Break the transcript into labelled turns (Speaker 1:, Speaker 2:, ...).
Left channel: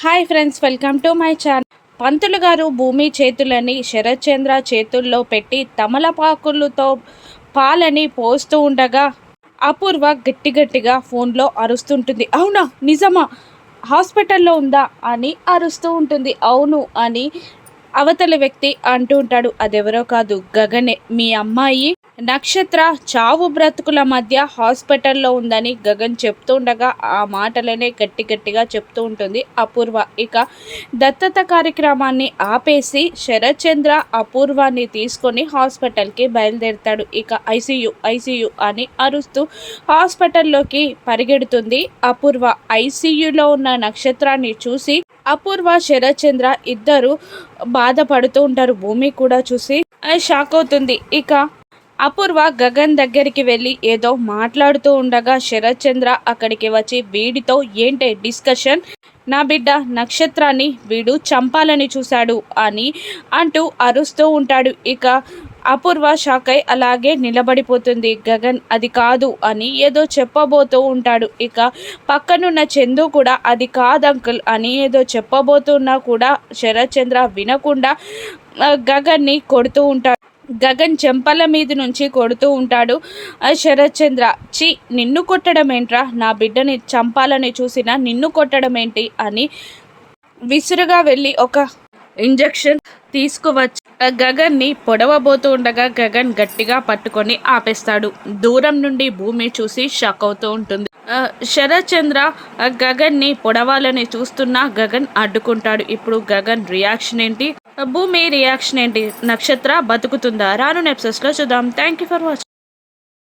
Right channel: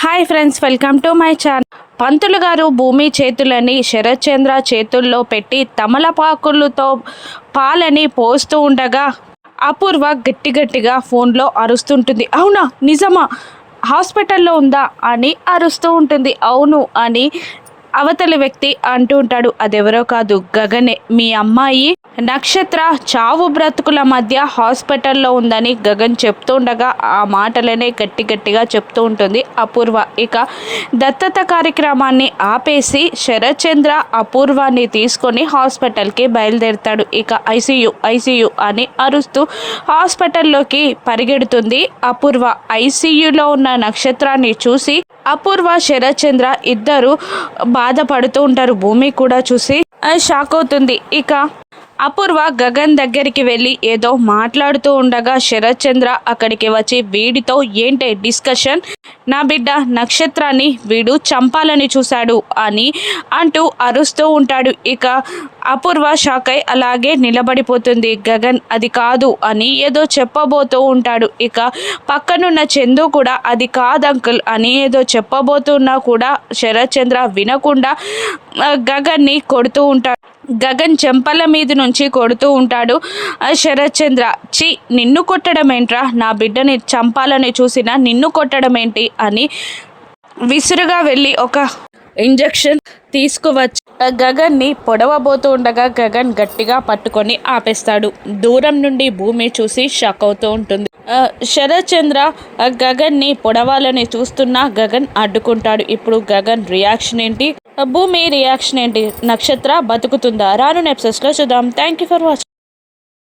Speaker 1: Hi friends welcome to my channel. పంతులు గారు భూమి చేతులని శరత్చంద్ర చేతుల్లో పెట్టి తమలపాకులతో పాలని పోస్తూ ఉండగా అపూర్వ గట్టి గట్టిగా ఫోన్లో అరుస్తుంటుంది. అవునా? నిజమా? హాస్పిటల్లో ఉందా? అని అరుస్తూ ఉంటుంది. అవును అని అవతలి వ్యక్తి అంటూ ఉంటాడు అదెవరో కాదు గగనే. మీ అమ్మాయి నక్షత్ర చావు బ్రతుకుల మధ్య హాస్పిటల్లో ఉందని గగన్ చెప్తూ ఉండగా ఆ మాటలనే గట్టి గట్టిగా చెప్తూ ఉంటుంది. అపూర్వ ఇక దత్తత కార్యక్రమాన్ని ఆపేసి శరత్చంద్ర అపూర్వాన్ని తీసుకొని హాస్పిటల్కి బయలుదేరుతాడు. ఇక ఐసీయు ఐసీయు అని అరుస్తూ హాస్పిటల్లోకి పరిగెడుతుంది. అపూర్వ ఐసీయులో ఉన్న నక్షత్రాన్ని చూసి అపూర్వ శరత్చంద్ర ఇద్దరు బాధపడుతూ ఉంటారు. భూమి కూడా చూసి షాక్ అవుతుంది. ఇక అపూర్వ గగన్ దగ్గరికి వెళ్ళి ఏదో మాట్లాడుతూ ఉండగా శరత్చంద్ర అక్కడికి వచ్చి వీడితో ఏంటి డిస్కషన్? నా బిడ్డ నక్షత్రాన్ని వీడు చంపాలని చూశాడు అని అంటూ అరుస్తూ ఉంటాడు. ఇక అపూర్వ షాక్ అయి అలాగే నిలబడిపోతుంది. గగన్ అది కాదు అని ఏదో చెప్పబోతూ ఉంటాడు. ఇక పక్కనున్న చందు కూడా అది కాదు అంకుల్ అని ఏదో చెప్పబోతున్నా కూడా శరత్ చంద్ర వినకుండా గగన్ని కొడుతూ ఉంటాడు. గగన్ చెంపల మీద నుంచి కొడుతూ ఉంటాడు. ఆ శరత్చంద్ర చి నిన్ను కొట్టడం ఏంట్రా నా బిడ్డని చంపాలని చూసిన నిన్ను కొట్టడం ఏంటి అని విసురుగా వెళ్ళి ఒక ఇంజెక్షన్ తీసుకువచ్చి ఆ గగన్ని పొడవబోతూ ఉండగా గగన్ గట్టిగా పట్టుకొని ఆపేస్తాడు. దూరం నుండి భూమి చూసి షాక్ అవుతూ ఉంటుంది. శరత్ శరత్చంద్ర ఆ గగన్ని పొడవాలని చూస్తున్నా గగన్ అడ్డుకుంటాడు. ఇప్పుడు గగన్ రియాక్షన్ ఏంటి? భూమి రియాక్షన్ ఏంటి? నక్షత్ర బతుకుతుందా? రాను నెప్సెస్లో చూద్దాం. Thank you for watching